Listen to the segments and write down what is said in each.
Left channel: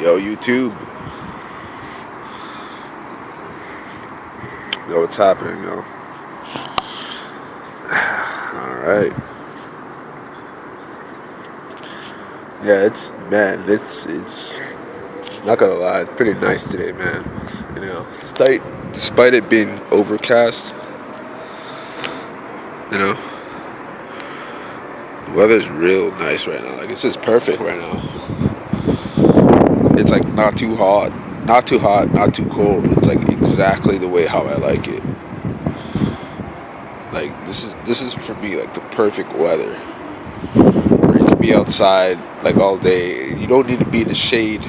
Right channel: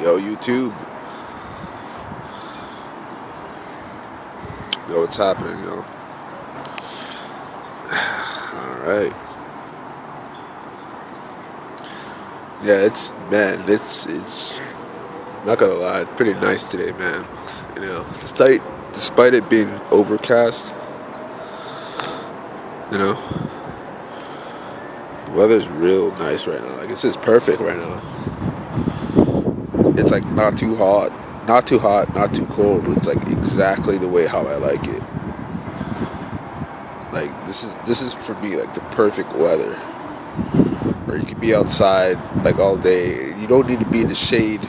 Yo, YouTube. Yo, what's happening, yo? Alright. Yeah, it's not gonna lie, it's pretty nice today, man. You know, despite it being overcast, you know, the weather's real nice right now. Like, it's just perfect right now. It's like not too hot, not too cold. It's like exactly the way how I like it. Like, this is for me like the perfect weather. Where you can be outside like all day. You don't need to be in the shade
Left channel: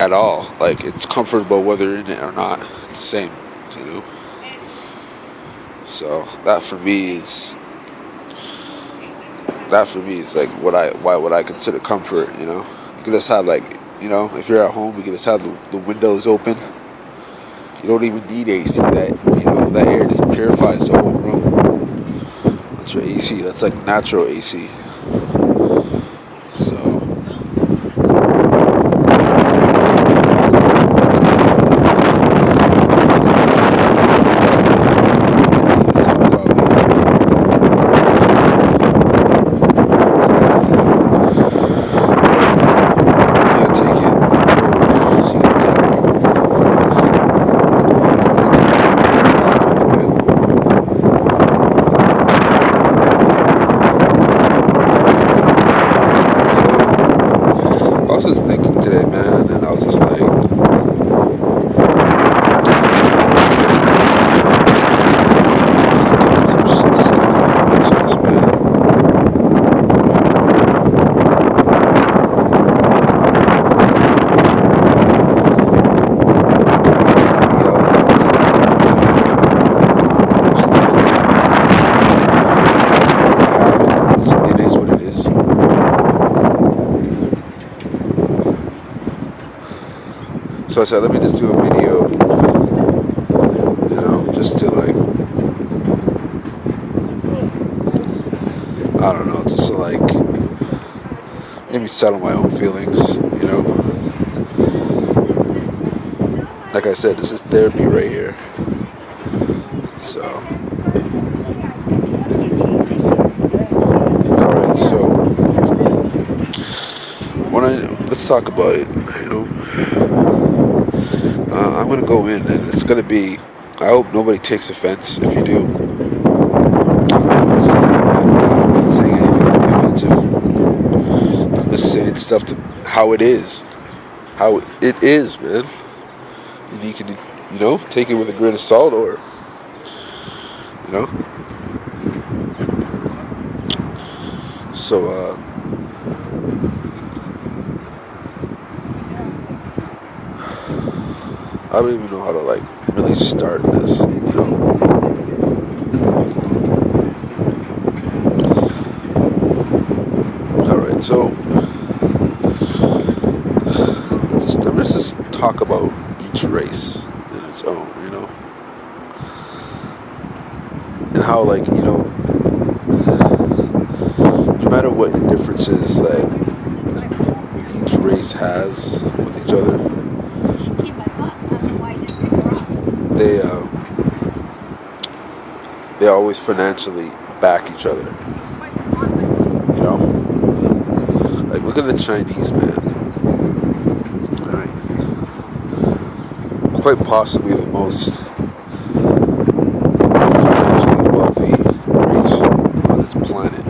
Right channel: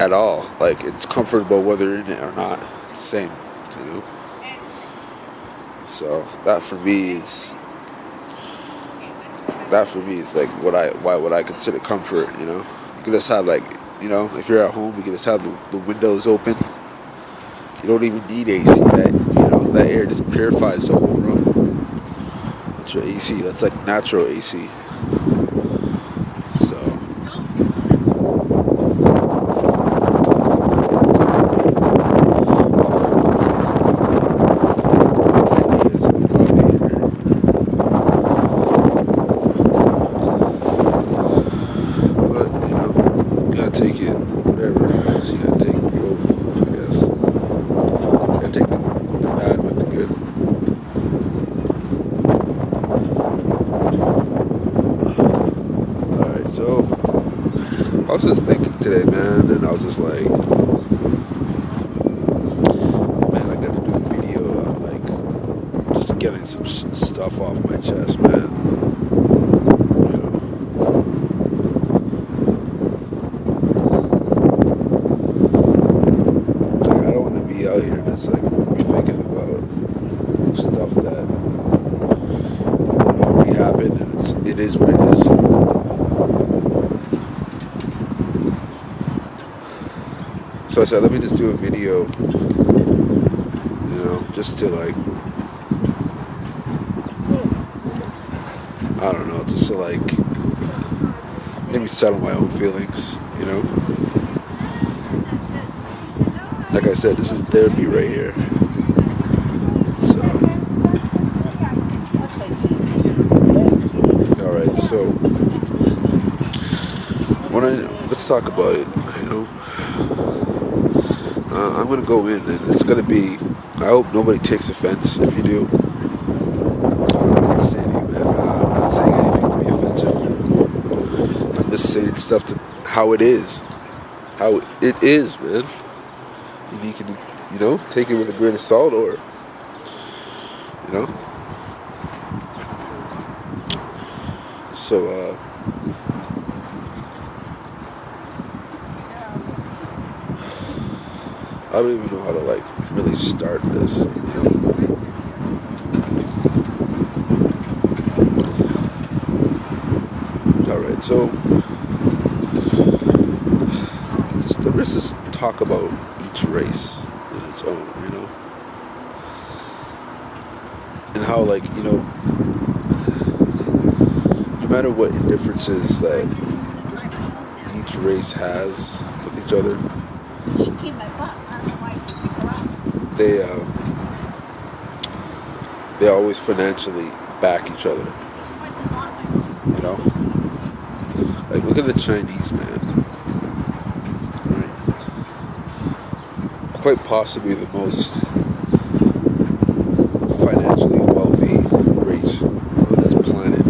at all. Like, it's comfortable whether you're in it or not. It's the same, you know. So that for me is like what I consider comfort, you know. You can just have, like, you know, if you're at home, you can just have the windows open. You don't even need AC. That air just purifies the whole room. That's your AC. That's like natural AC. So I was just thinking today, man, and I was just like, just getting some stuff off my chest, man. It is what it is. So I said, let me just do a video, you know, just to, like, I don't know, just to, like, maybe settle my own feelings, you know. Like I said, this is therapy right here. So, alright, so, let's talk about it, you know. I'm going to go in, and it's going to be, I hope nobody takes offense if you do. I'm not saying anything offensive. I'm just saying stuff to how it is. How it is, man. And you can, you know, take it with a grain of salt, or, you know. So, I don't even know how to, like, really start this, you know. Alright, so let's just talk about each race in its own, you know. And how, like, you know, no matter what differences that each race has with each other, they always financially back each other, you know. Like, look at the Chinese, man. Right? Quite possibly the most financially wealthy race on this planet.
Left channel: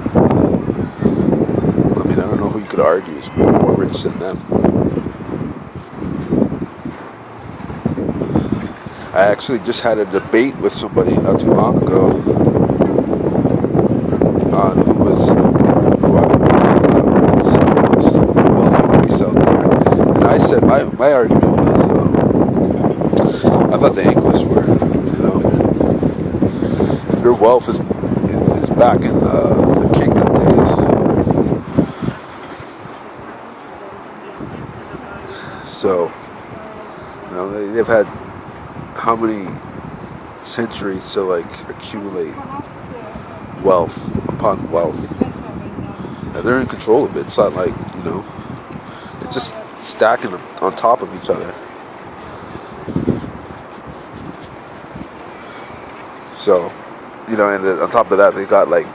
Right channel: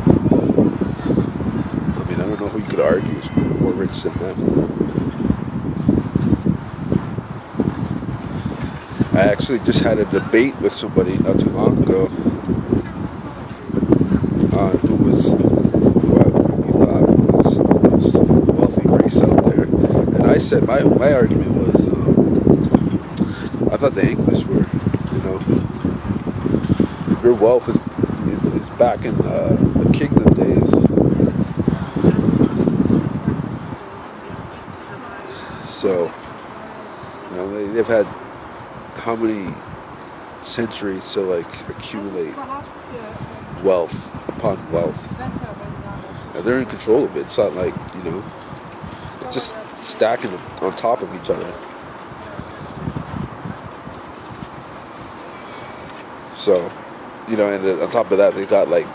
I mean, I don't know who you could argue is more rich than them. I actually just had a debate with somebody not too long ago on who I thought was the most wealthy race out there. And I said, my argument was, I thought the English were, you know. Their wealth is back in the kingdom days. So, you know, they've had how many centuries to, like, accumulate wealth upon wealth. And they're in control of it. It's not like, you know, it's stacking them on top of each other. So, and then on top of that, they got like,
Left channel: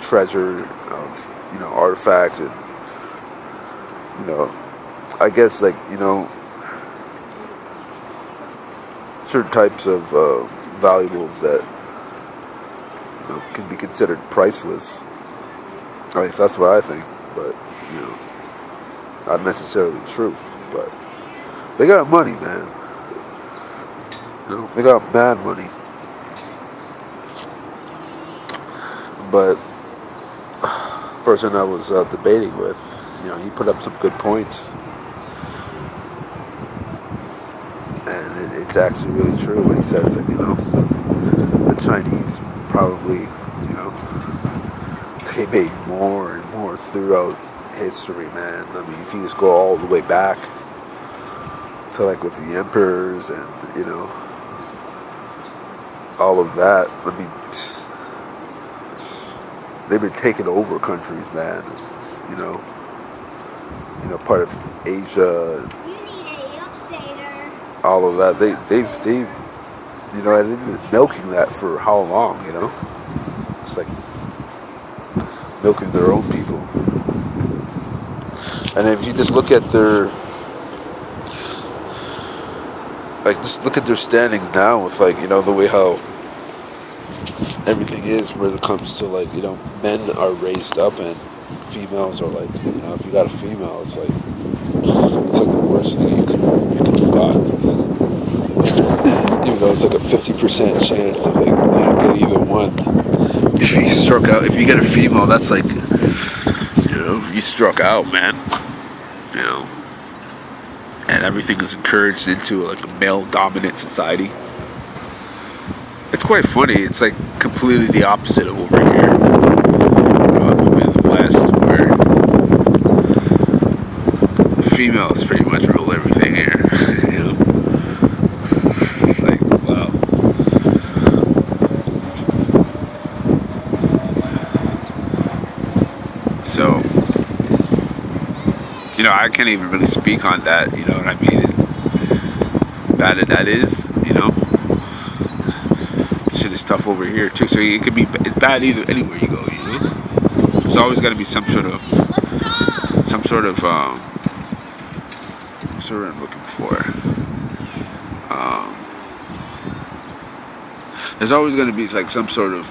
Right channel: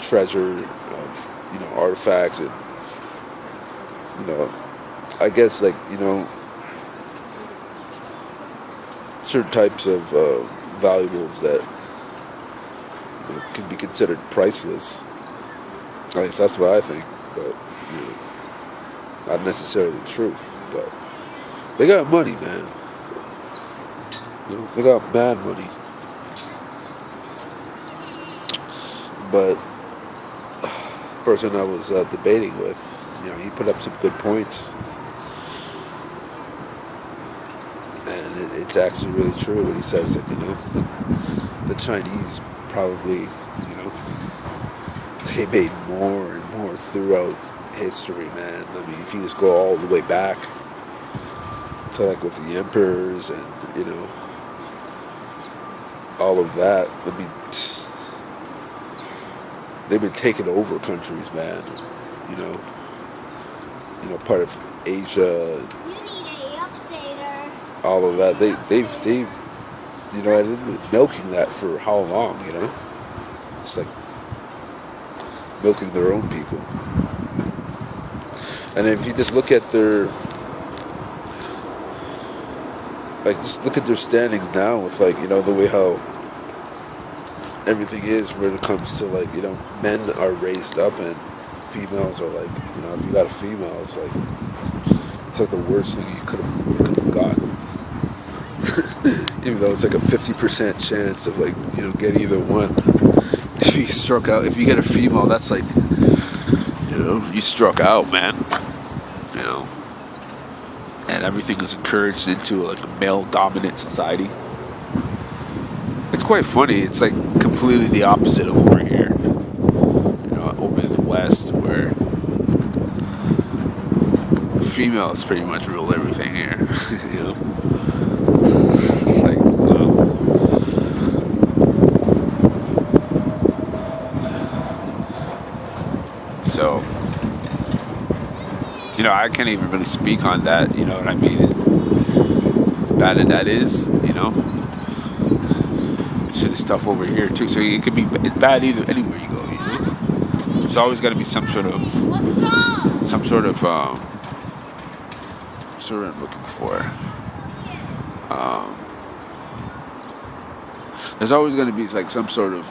treasure of, artifacts and, I guess like, certain types of valuables that can be considered priceless. At least that's what I think, but not necessarily the truth. But they got money, man. They got mad money. But the person I was debating with, he put up some good points. And it's actually really true when he says that, the Chinese probably, they made more and more throughout history, man. I mean, if you just go all the way back to like with the emperors and, all of that, I mean, they've been taking over countries, man. Part of Asia, all of that. They've and they've been milking that for how long? It's like milking their own people. And if you just look at just look at their standings now with the way how everything is when it comes to men are raised up and females are like, if you got a female, it's like the worst thing you could have gotten. Even though it's like a 50% chance of get either one. If you get a female, that's like, you struck out, man. And everything is encouraged into a male-dominant society. It's quite funny. It's like completely the opposite of over here. Over in the West, where females pretty much rule everything here. It's like, well. So, I can't even really speak on that, you know what I mean? As bad as that is, shit is tough over here too. So it could be, it's bad either anywhere you go, There's always got to be some sort of what's the word I'm looking for? There's always going to be some sort of,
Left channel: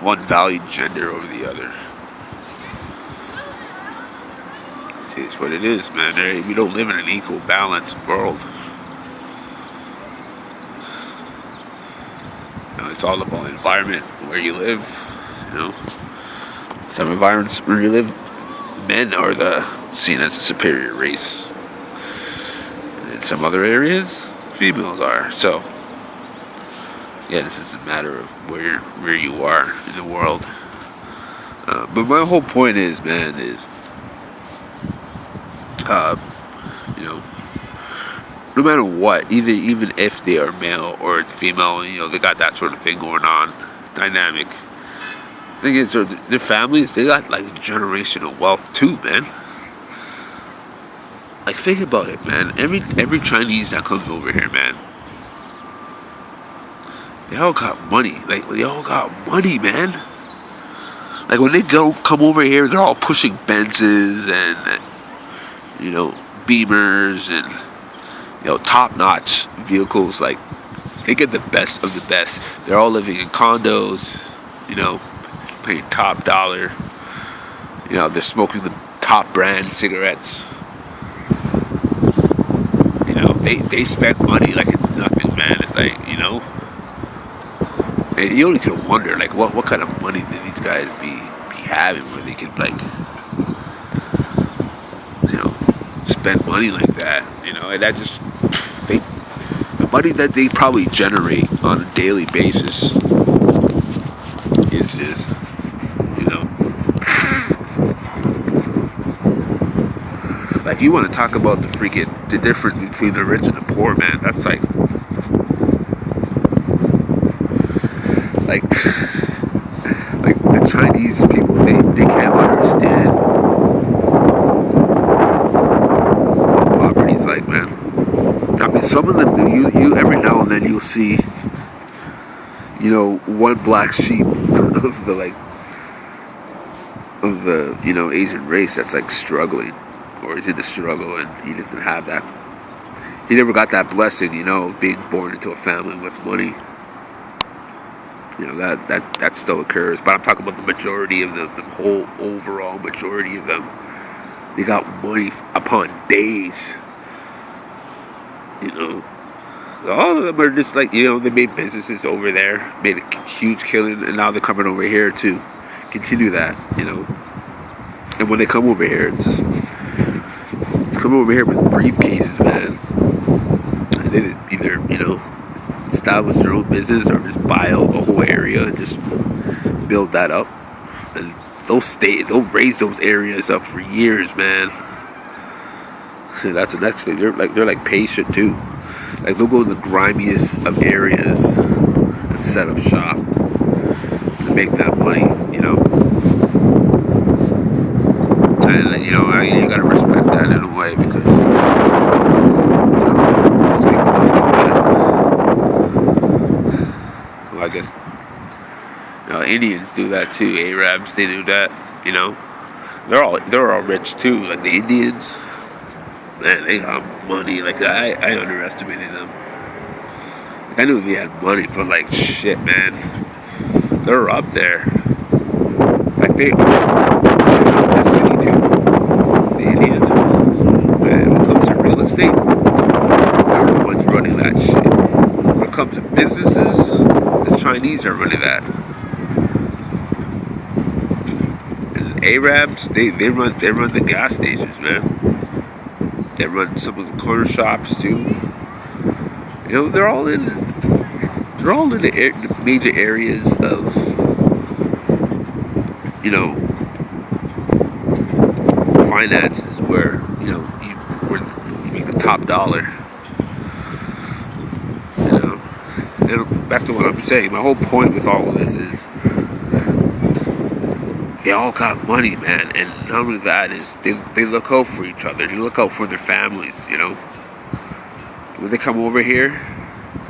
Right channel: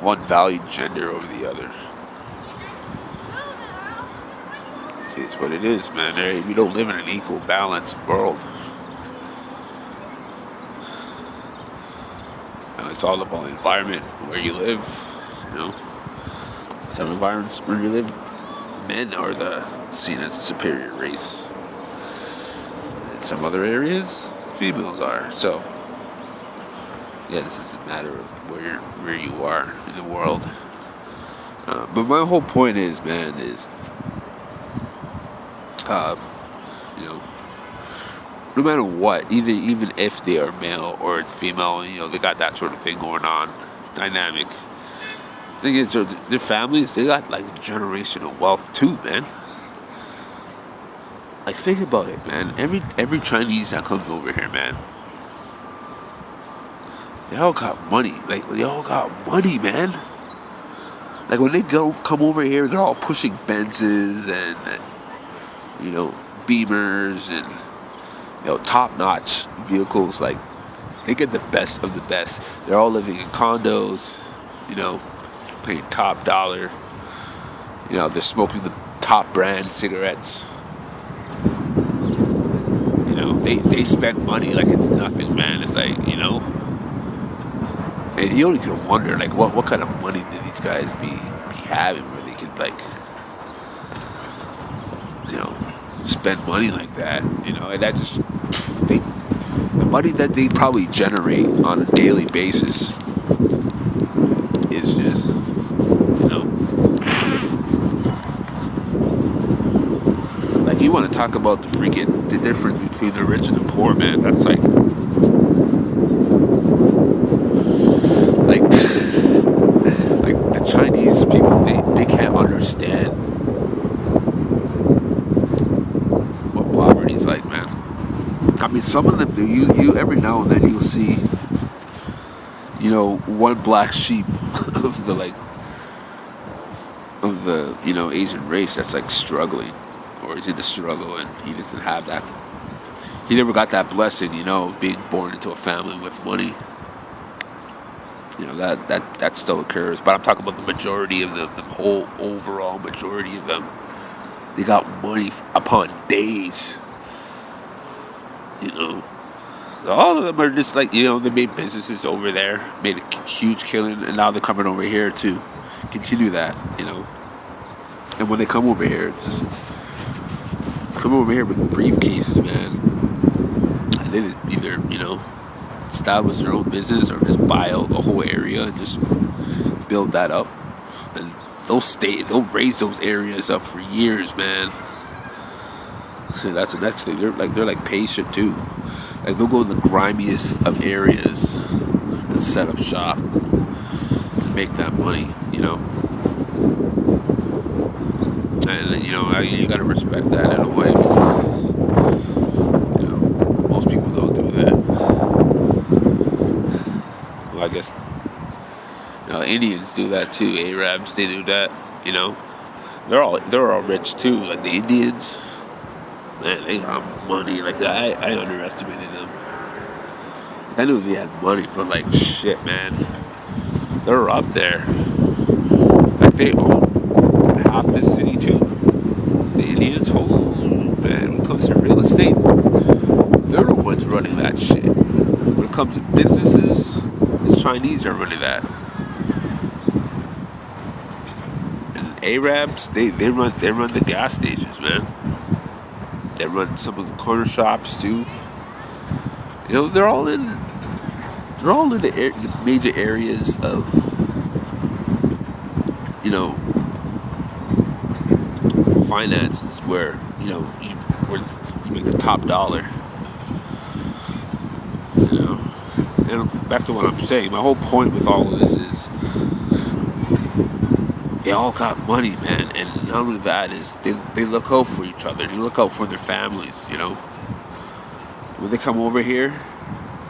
one valued gender over the other. It's what it is, man. We don't live in an equal, balanced world. It's all about the environment where you live. Some environments where you live, men are seen as a superior race. In some other areas, females are. So, yeah, this is a matter of where you are in the world. But my whole point is, man, no matter what, even if they are male or it's female, they got that sort of thing going on, dynamic. The thing is, their families, they got generational wealth too, man. Think about it, man. Every Chinese that comes over here, man, they all got money. They all got money, man. When they come over here, they're all pushing Benzes and Beamers and top-notch vehicles. They get the best of the best. They're all living in condos, paying top dollar. They're smoking the top brand cigarettes. They spend money like it's nothing, man. It's and you only can wonder, what kind of money do these guys be having where they can, spend money like that, and that just, the money that they probably generate on a daily basis is you want to talk about the difference between the rich and the poor, man. That's the Chinese people, they can't understand mean, some of them do. You every now and then you'll see, one black sheep of the Asian race that's like struggling, or is in the struggle, and he doesn't have that. He never got that blessing, of being born into a family with money. That still occurs, but I'm talking about the majority of them, the whole overall majority of them. They got money upon days. So all of them are just like, they made businesses over there, made a huge killing, and now they're coming over here to continue that, And when they come over here, it's coming over here with briefcases, man. And they either, establish their own business or just buy a whole area and just build that up. And they'll raise those areas up for years, man. So that's the next thing. They're like patient too. Like they'll go in the grimiest of areas and set up shop and make that money, And you gotta respect that in a way, because most people don't do that. Well, I guess Indians do that too. Arabs, they do that. They're all rich too. Like the Indians, man, they got money. Like I underestimated them. Like, I knew they had money, but like shit, man, they're up there. Like they out in the city too. The Indians, man, when it comes to real estate, they're the ones running that shit. When it comes to businesses, the Chinese are running that. And Arabs, they run the gas stations, man. They run some of the corner shops too. They're all in the major areas of, finances where you make the top dollar. And back to what I'm saying, my whole point with all of this is they all got money, man, and not only that is they look out for each other. They look out for their families. When they come over here,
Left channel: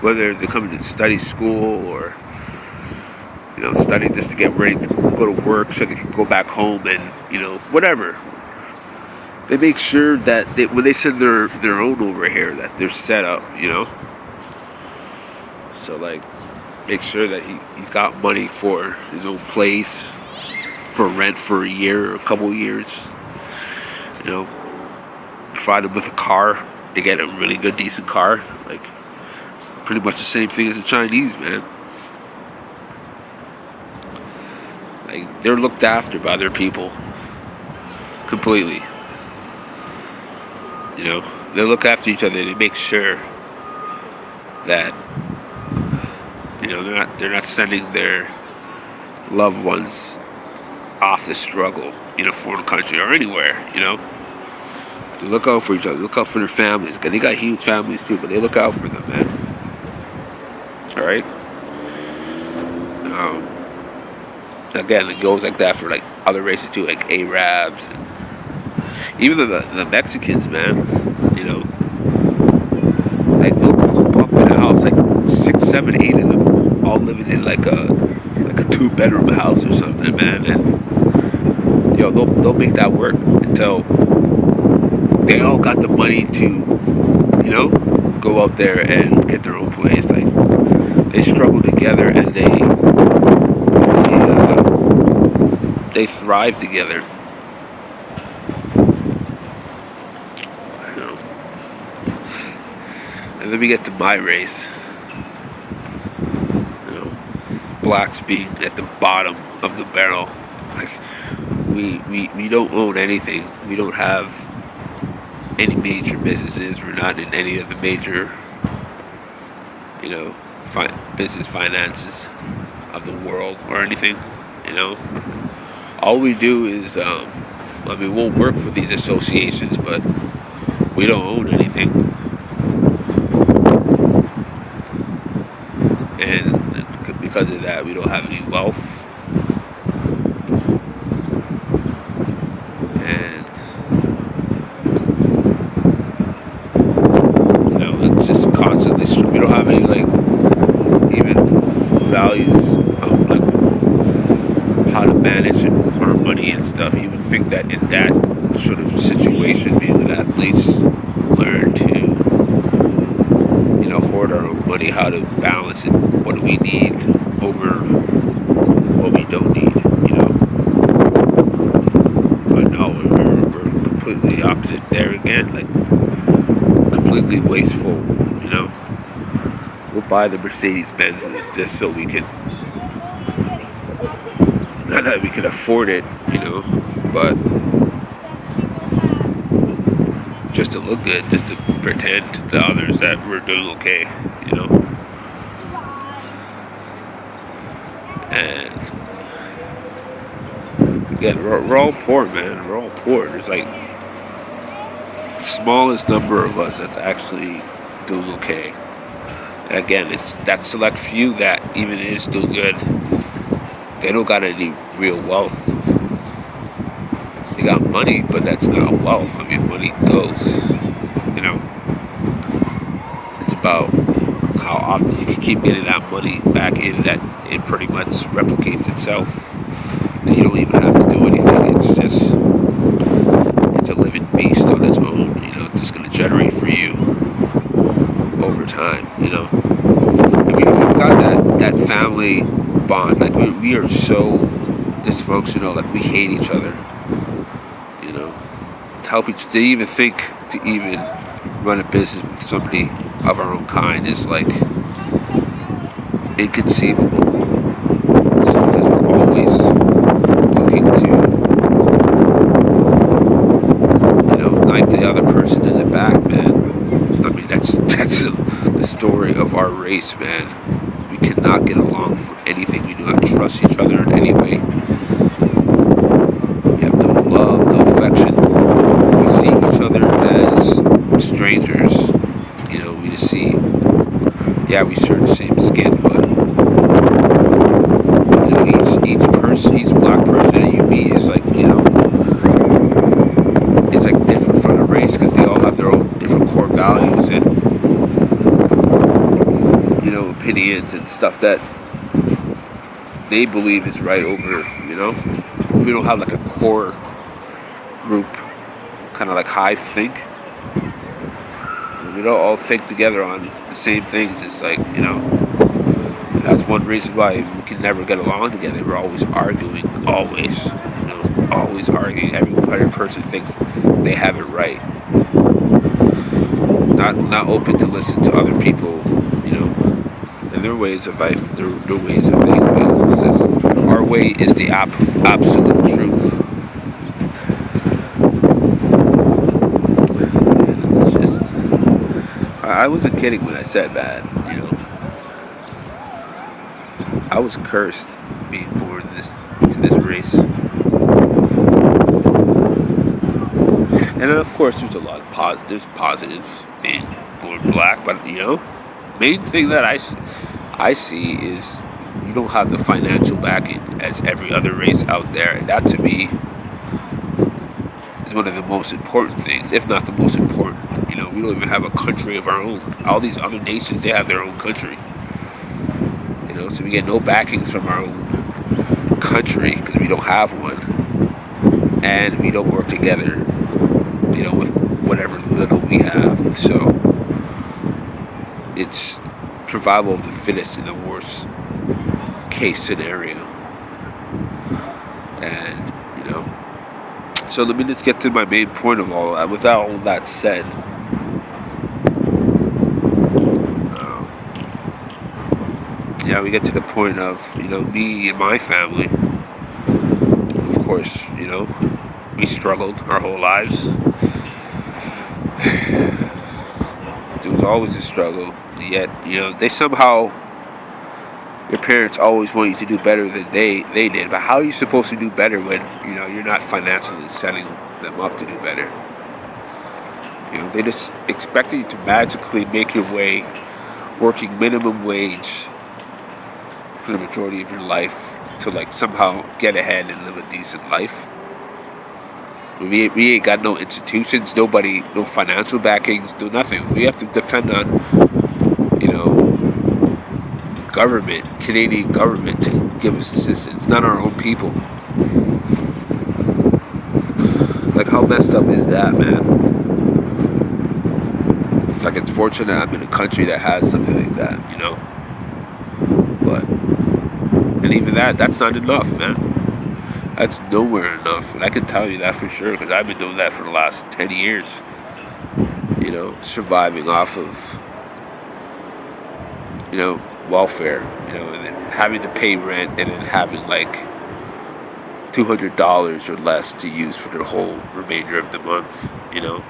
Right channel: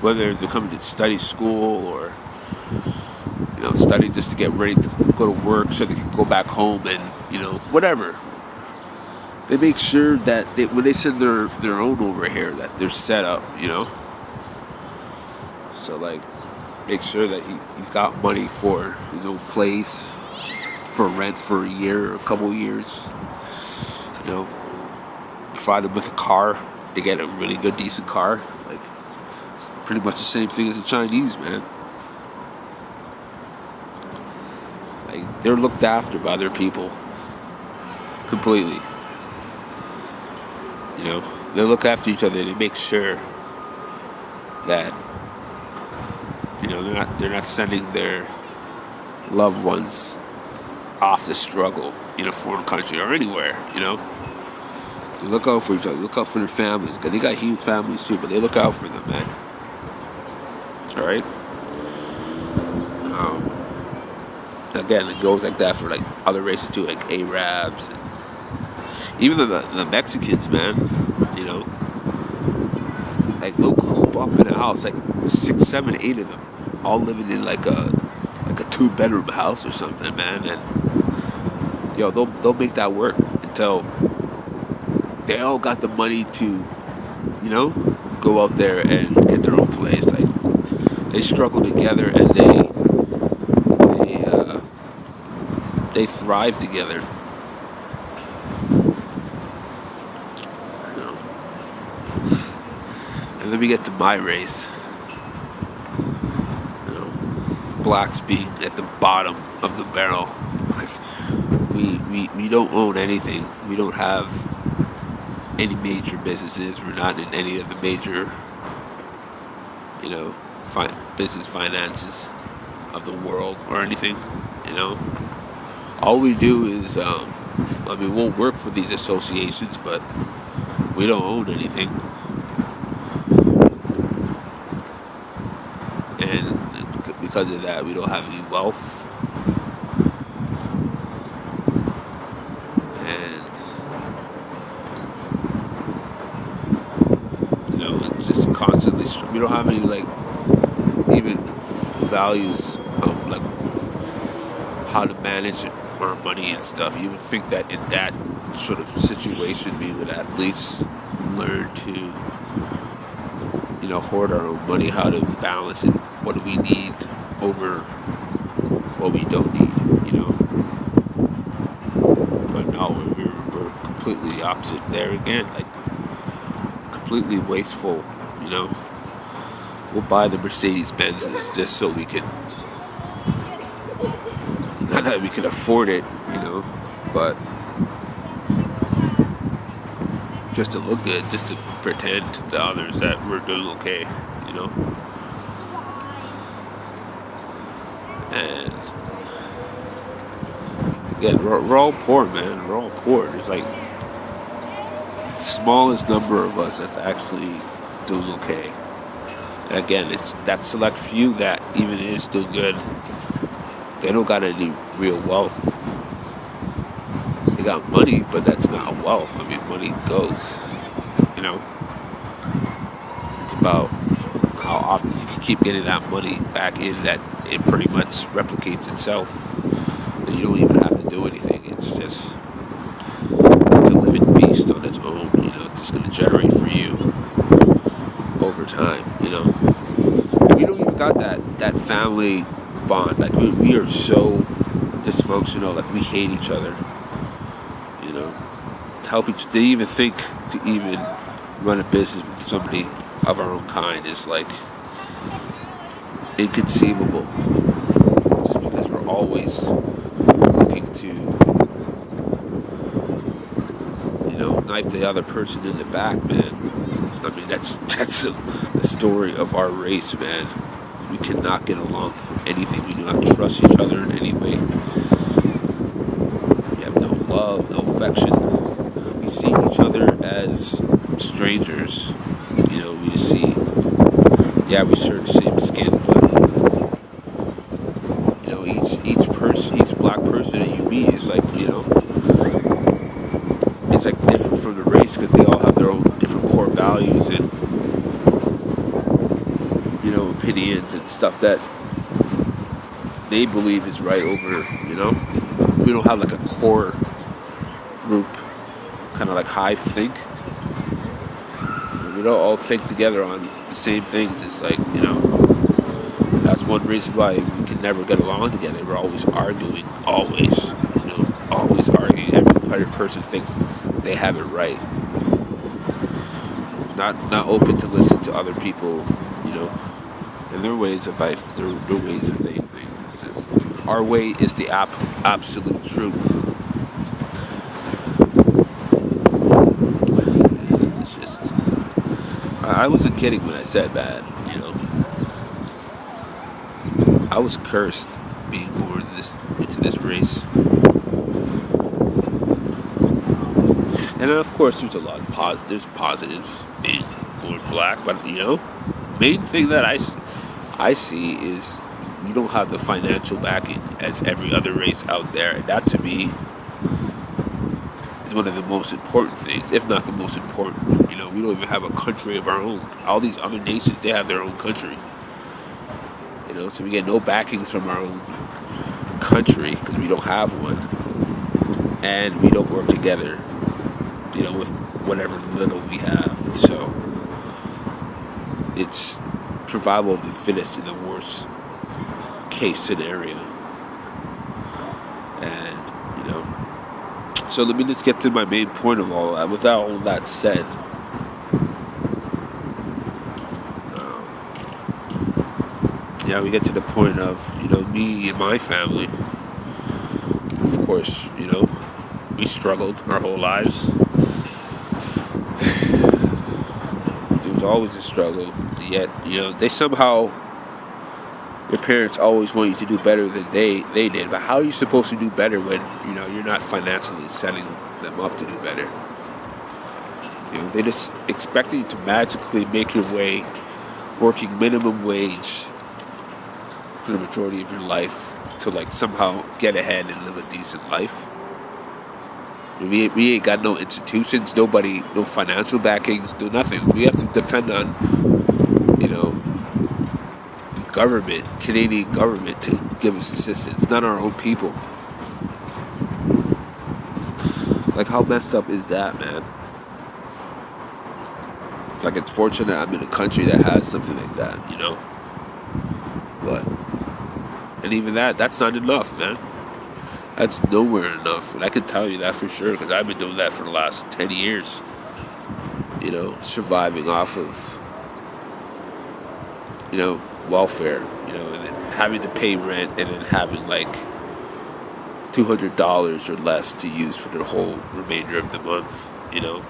whether they're coming to study school or study just to get ready to go to work so they can go back home and whatever. They make sure that when they send their own over here, that they're set up, So like, make sure that he's got money for his own place, for rent for a year or a couple of years. Provide him with a car. They get a really good, decent car. Like, it's pretty much the same thing as the Chinese, man. Like, they're looked after by their people completely. They look after each other. They make sure that they're not sending their loved ones off to struggle in a foreign country or anywhere. They look out for each other. Look out for their families. They got huge families too, but they look out for them, man. All right. Again, it goes like that for like other races too, like Arabs and even the Mexicans, man. Like they'll coop up in a house, like 6, 7, 8 of them, all living in like a 2-bedroom house or something, man. And they'll make that work until they all got the money to, go out there and get their own place. Like they struggle together and they thrive together. And then we get to my race. Blacks being at the bottom of the barrel. Like, we don't own anything. We don't have any major businesses. We're not in any of the major, business finances of the world or anything. All we do is, we won't work for these associations, but we don't own anything. And because of that, we don't have any wealth. And it's values of like how to manage our money and stuff. You would think that in that sort of situation, we would at least learn to, hoard our own money, how to balance it, what do we need over what we don't need, But no, we're completely opposite there again, like completely wasteful, We'll buy the Mercedes Benzes just so we can, not that we can afford it, but just to look good, just to pretend to others that we're doing okay, And again, we're all poor, man. We're all poor. There's like smallest number of us that's actually doing okay. And again, it's that select few that even is doing good. They don't got any real wealth. They got money, but that's not wealth. I mean, money goes, It's about how often you can keep getting that money back in, that it pretty much replicates itself. And you don't even have to do anything. It's just a living beast on its own. It's just going to generate for you over time. And we've got that family bond. Like we are so dysfunctional. Like we hate each other. To help each, to even think to even run a business with somebody of our own kind is like inconceivable. Just because we're always looking to, knife the other person in the back, man. I mean, that's the story of our race, man. We cannot get along for anything. We do not trust each other in any way. We have no love, no affection. We see each other as strangers. We just see, we share the same skin, but each person, each black person that you meet is like, it's like different from the race because they all have their own different core values and opinions and stuff that they believe is right over, we don't have like a core group, kind of like hive think. We don't all think together on the same things. It's like, that's one reason why we can never get along together. We're always arguing, always arguing. Every person thinks they have it right. Not open to listen to other people, and their ways of life, their ways of being. Our way is the absolute truth. I wasn't kidding when I said that, I was cursed being born into this race. And then, of course, there's a lot of positives being born black, but, main thing that I see is you don't have the financial backing as every other race out there, and that to me is one of the most important things, if not the most important. We don't even have a country of our own. All these other nations, they have their own country. So we get no backings from our own country because we don't have one, and we don't work together, with whatever little we have. So it's survival of the fittest in the worst case scenario. And so let me just get to my main point of all that. Without all that said, we get to the point of, me and my family, of course, we struggled our whole lives. It was always a struggle, yet, they somehow, your parents always want you to do better than they did. But how are you supposed to do better when, you're not financially setting them up to do better? They just expect you to magically make your way working minimum wage for the majority of your life to somehow get ahead and live a decent life. We ain't got no institutions, nobody, no financial backings, no nothing. We have to depend on, government, Canadian government, to give us assistance, not our own people. Like, how messed up is that, man? Like, it's fortunate I'm in a country that has something like that, you know? But, and even that's not enough, man. That's nowhere enough. And I can tell you that for sure, because I've been doing that for the last 10 years. You know, surviving off of, you know, welfare, you know, and then having to pay rent, and then having like $200 or less to use for the whole remainder of the month, you know.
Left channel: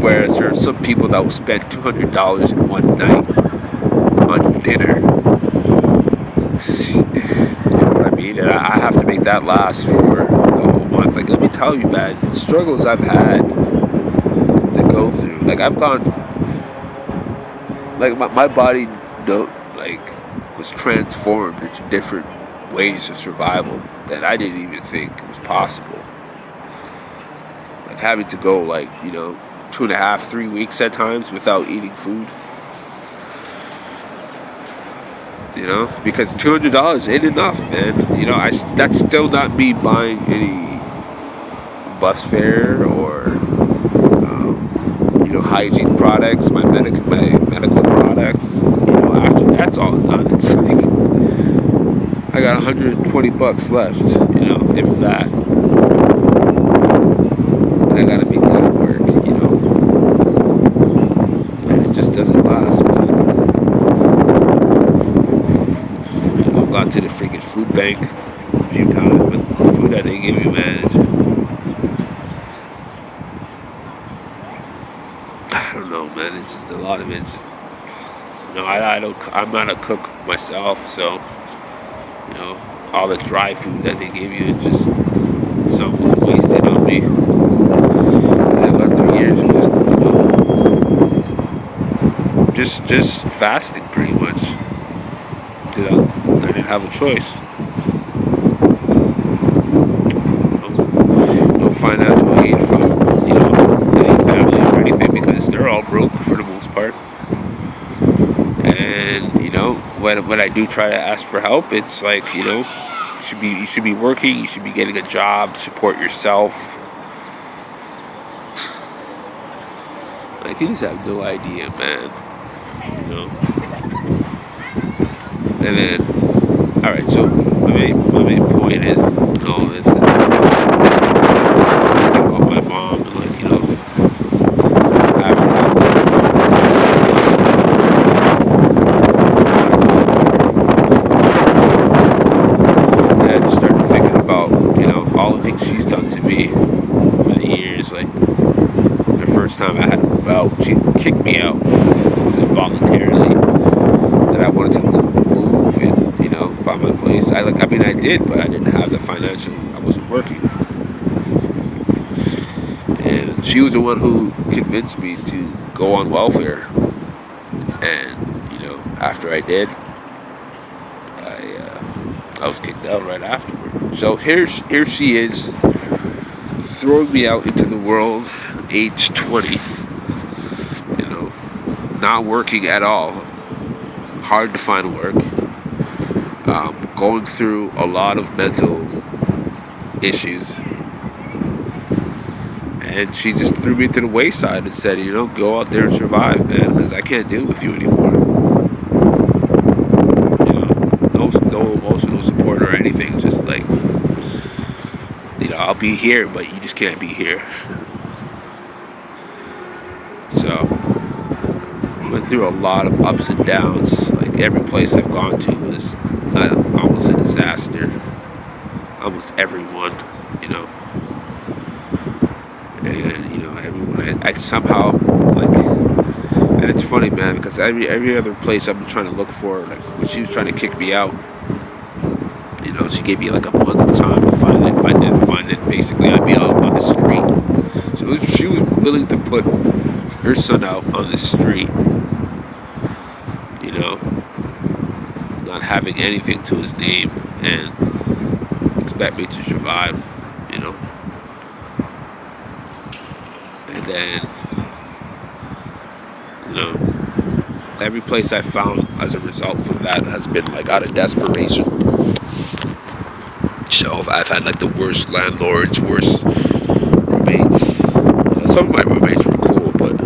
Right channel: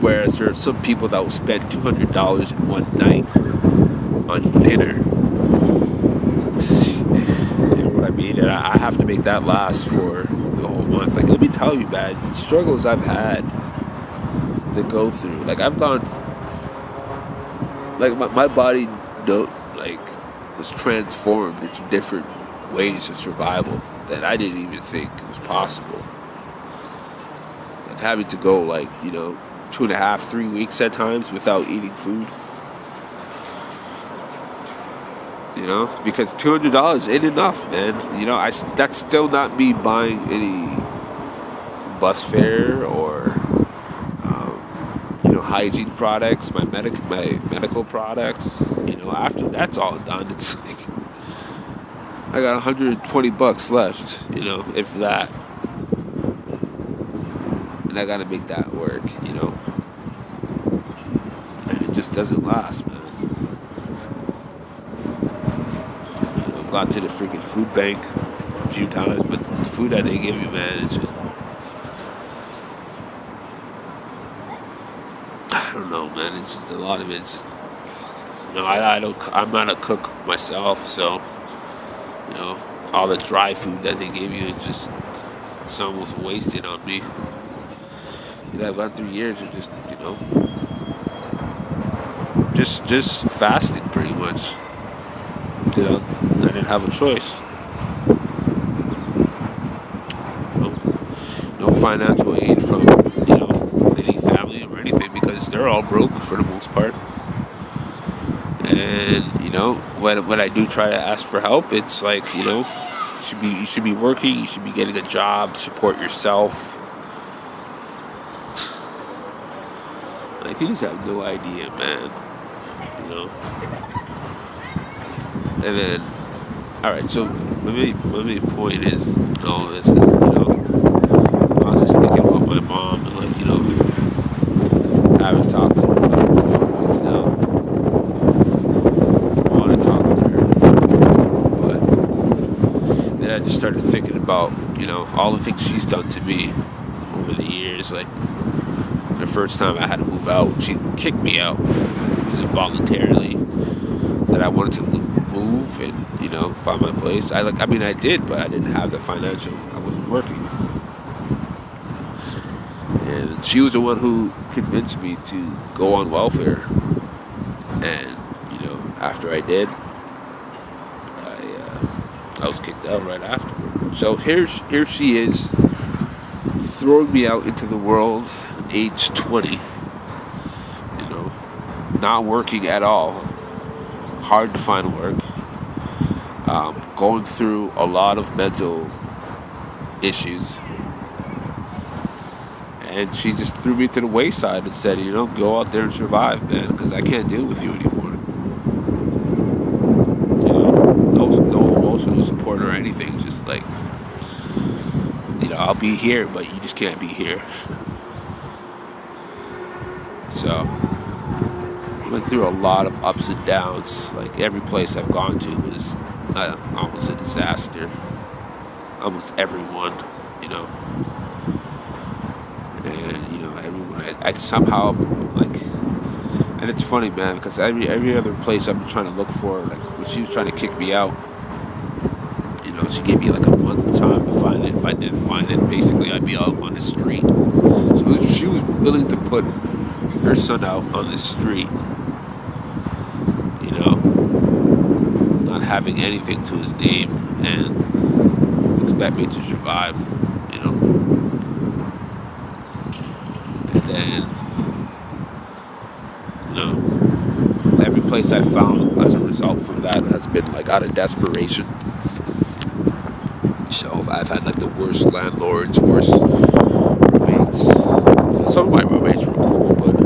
Whereas there are some people that will spend $200 in one night on dinner. You know what I mean? And I have to make that last for the whole month. Like, let me tell you, man, the struggles I've had to go through. Like, I've gone, like, my body, like, was transformed into different ways of survival that I didn't even think was possible. Like, having to go, like, you know, 2.5, 3 weeks at times without eating food. You know, because $200 ain't enough, man. You know, that's still not me buying any bus fare or you know, hygiene products, my medical products. You know, after that's all done, it's like I got $120 left. You know, if that, and I gotta make that work. You know, and it just doesn't last, man. I've gone to the freaking food bank a few times, but the food that they give you, man, it's just, I don't know, man. It's just a lot of it's just, you know, I'm not a cook myself, so, you know, all the dry food that they give you, it's almost wasted on me. And I've learned through years of just, you know, just fasting pretty much. You know, I didn't have a choice. No financial aid from, you know, any family or anything, because they're all broke for the most part. And, you know, when I do try to ask for help, it's like, you know, you should be working, you should be getting a job, support yourself. Like, you just have no idea, man. You know. And then, all right. So my main point is, all this is just thinking about my mom and, like, you know, I haven't talked to her. And I just started thinking about, you know, all the things she's done to me over the years. Like, the first time I had to move out, she kicked me out. It was involuntarily that I wanted to move and, you know, find my place. I did, but I didn't have the financial. I wasn't working. And she was the one who convinced me to go on welfare. And, you know, after I did, I was kicked out right afterward. So here she is, throwing me out into the world at age 20. You know, not working at all. Hard to find work. Going through a lot of mental issues. And she just threw me to the wayside and said, you know, go out there and survive, man, because I can't deal with you anymore. You know, no emotional support or anything. Just like, you know, I'll be here, but you just can't be here. So, I went through a lot of ups and downs. Like, every place I've gone to was almost a disaster. Almost everyone, you know. And, you know, everyone, I somehow, like, and it's funny, man, because every other place I'm trying to look for, like, when she was trying to kick me out, you know, she gave me like a month time to find it. If I didn't find it, basically I'd be out on the street. So she was willing to put her son out on the street, you know, not having anything to his name, and expect me to survive, you know. And then, you know, every place I found as a result from that has been like out of desperation. So I've had like the worst landlords, worst roommates. Some of my roommates were cool, but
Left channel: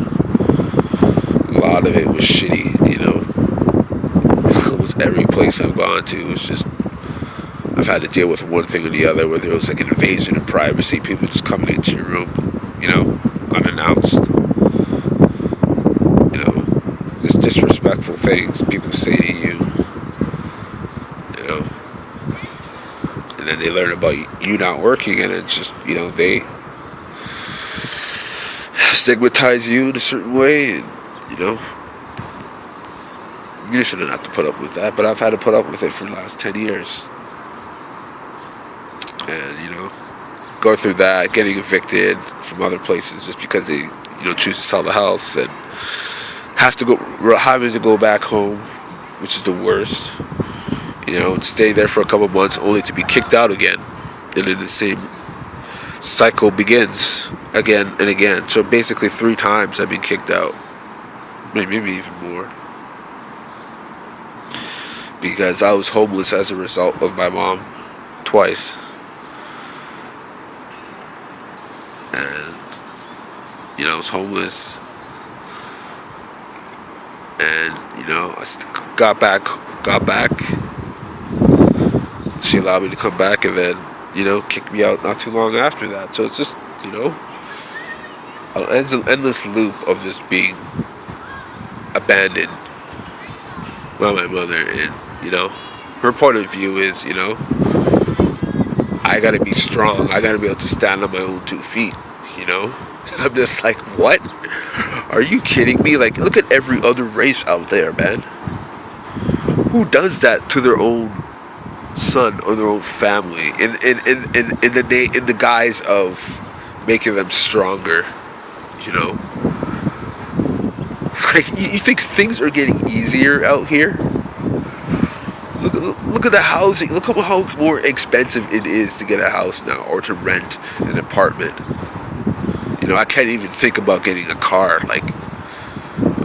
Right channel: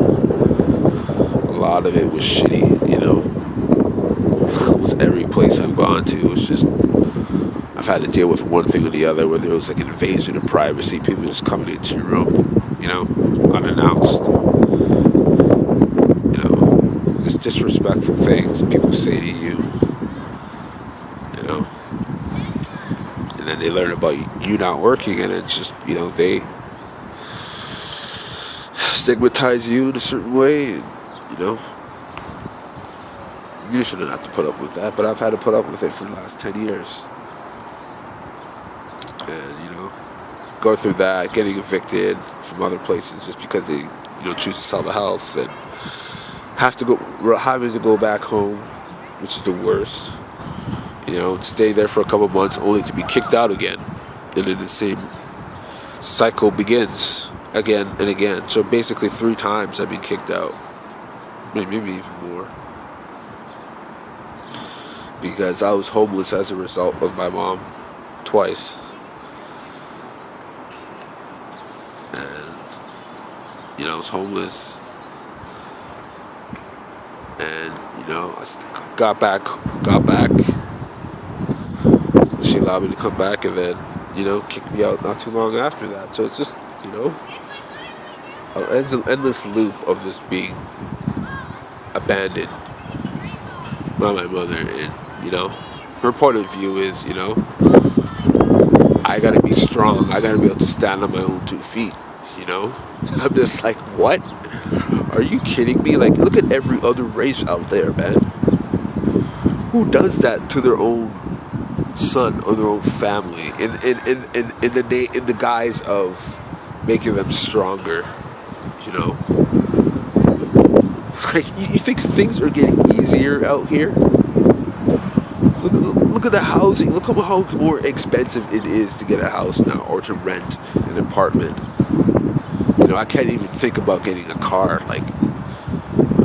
a lot of it was shitty, you know. Almost every place I've gone to was just, I've had to deal with one thing or the other, whether it was like an invasion of privacy, people just coming into your room, you know, unannounced. You know, just disrespectful things people say to you, you know. And then they learn about you not working, and it's just, you know, they stigmatize you in a certain way, and, you know, you shouldn't have to put up with that, but I've had to put up with it for the last 10 years. And, you know, go through that, getting evicted from other places just because they, you know, choose to sell the house, and having to go back home, which is the worst, you know, and stay there for a couple months only to be kicked out again. And then the same cycle begins again and again. So basically 3 times I've been kicked out, maybe even more, because I was homeless as a result of my mom twice. And, you know, I was homeless, and, you know, I got back. She allowed me to come back, and then, you know, kicked me out not too long after that. So it's just, you know, an endless loop of just being abandoned by my mother. And, you know, her point of view is, you know, I gotta be strong. I gotta be able to stand on my own 2 feet, you know? And I'm just like, what? Are you kidding me? Like, look at every other race out there, man. Who does that to their own son or their own family in the guise of making them stronger, you know? Like, you think things are getting easier out here? Look at the housing. Look how more expensive it is to get a house now, or to rent an apartment. You know, I can't even think about getting a car, like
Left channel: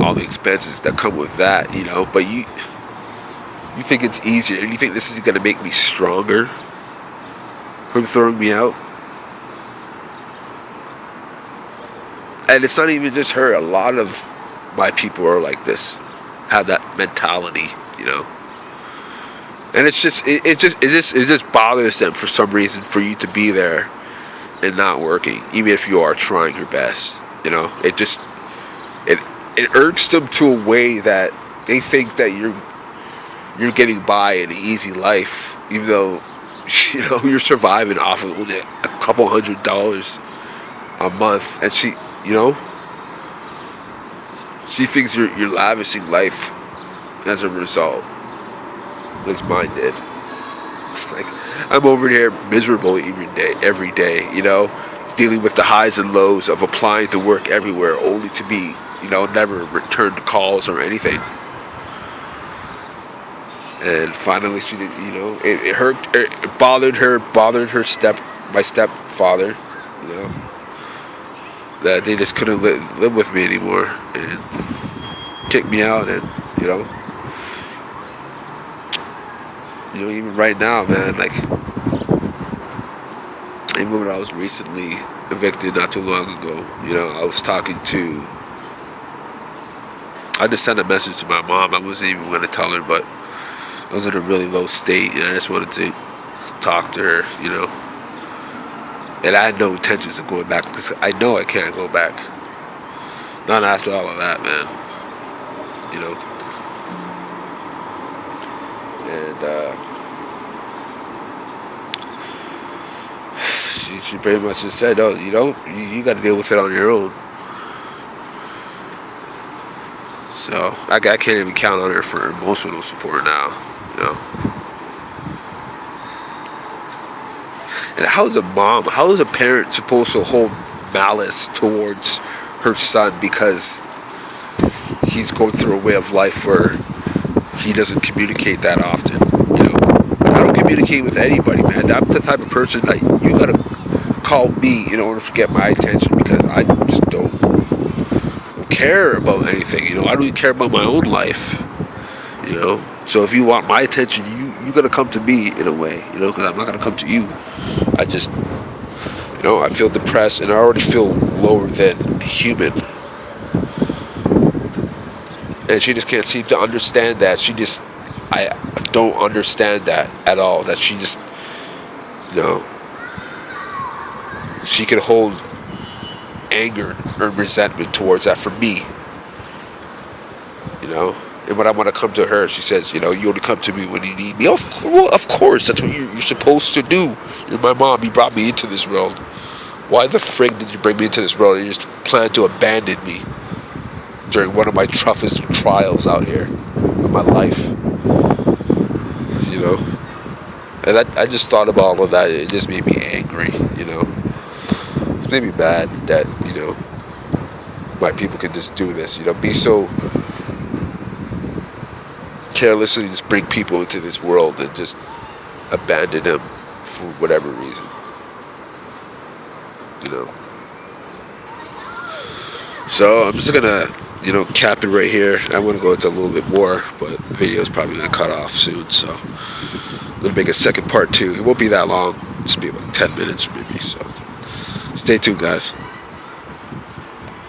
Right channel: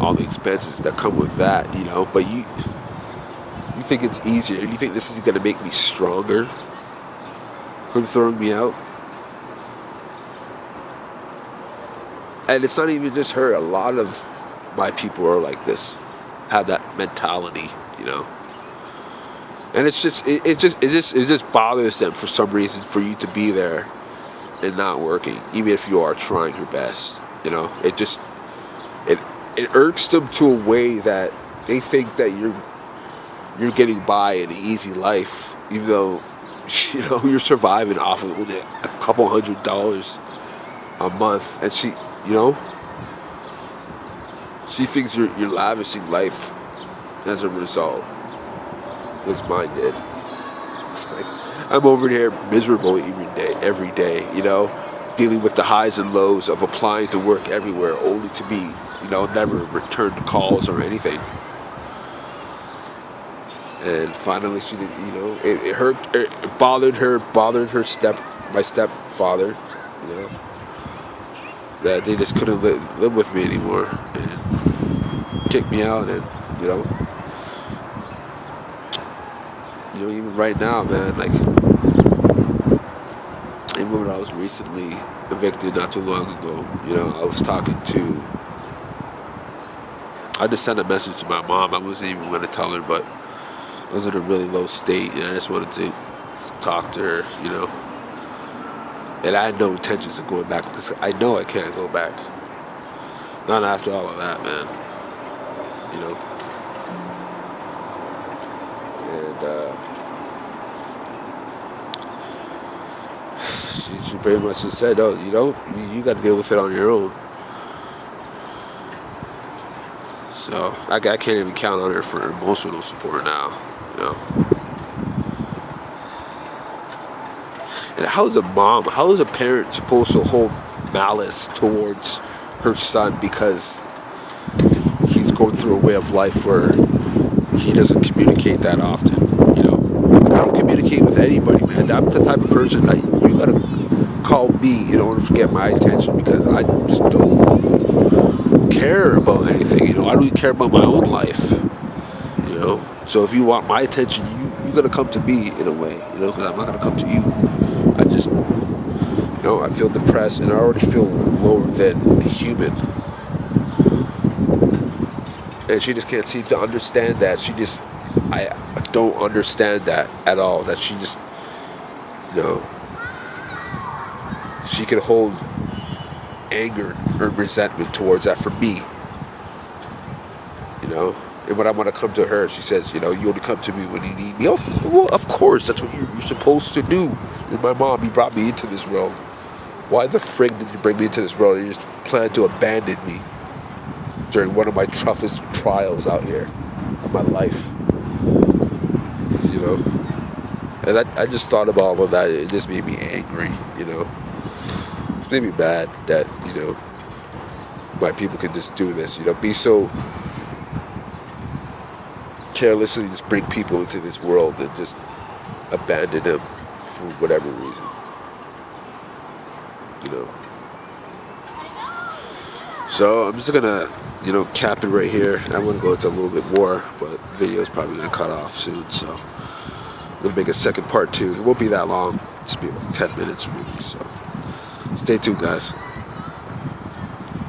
all the expenses that come with that, you know. But you think it's easier, and you think this is going to make me stronger from throwing me out? And it's not even just her. A lot of my people are like this, have that mentality, you know. And it just bothers them for some reason for you to be there and not working, even if you are trying your best. You know, it irks them to a way that they think that you're getting by an easy life, even though, you know, you're surviving off of only a couple $100 a month. And she, you know, she thinks you're lavishing life as a result. At least mine did. Like, I'm over here miserable every day, you know, dealing with the highs and lows of applying to work everywhere, only to be, you know, never return calls or anything. And finally, she did, you know, it hurt, it bothered my stepfather, you know, that they just couldn't live with me anymore, and kicked me out. And, you know, even right now, man, like, even when I was recently evicted not too long ago, you know, I just sent a message to my mom. I wasn't even going to tell her, but I was in a really low state, and I just wanted to talk to her, you know. And I had no intentions of going back, because I know I can't go back. Not after all of that, man. You know. And, she pretty much just said, oh, you know, you got to deal with it on your own. So, I can't even count on her for emotional support now, you know. And how is a parent supposed to hold malice towards her son because he's going through a way of life where he doesn't communicate that often, you know? Like, I don't communicate with anybody, man. I'm the type of person that you gotta call me in order to get my attention, because I just don't even care about anything. You know, I don't even care about my own life. You know, so if you want my attention, you gotta come to me in a way. You know, because I'm not gonna come to you. I just, you know, I feel depressed and I already feel lower than human. And she just can't seem to understand that. I don't understand that at all. That she just, you know, she can hold anger or resentment towards that for me. You know, and when I want to come to her, she says, you know, you only come to me when you need me. Well, of course, that's what you're supposed to do. You're my mom. You brought me into this world. Why the frig did you bring me into this world? You just plan to abandon me during one of my toughest trials out here in my life. You know? And I just thought about all of that. It just made me angry, you know? It's made me mad that, you know, my people can just do this, you know, be so carelessly just bring people into this world and just abandon them for whatever reason. You know? So I'm just gonna, you know, cap it right here. I want to go into a little bit more, but the video is probably gonna cut off soon, so I'm gonna make a second part 2. It won't be that long. It'll just be about 10 minutes maybe. So stay tuned, guys.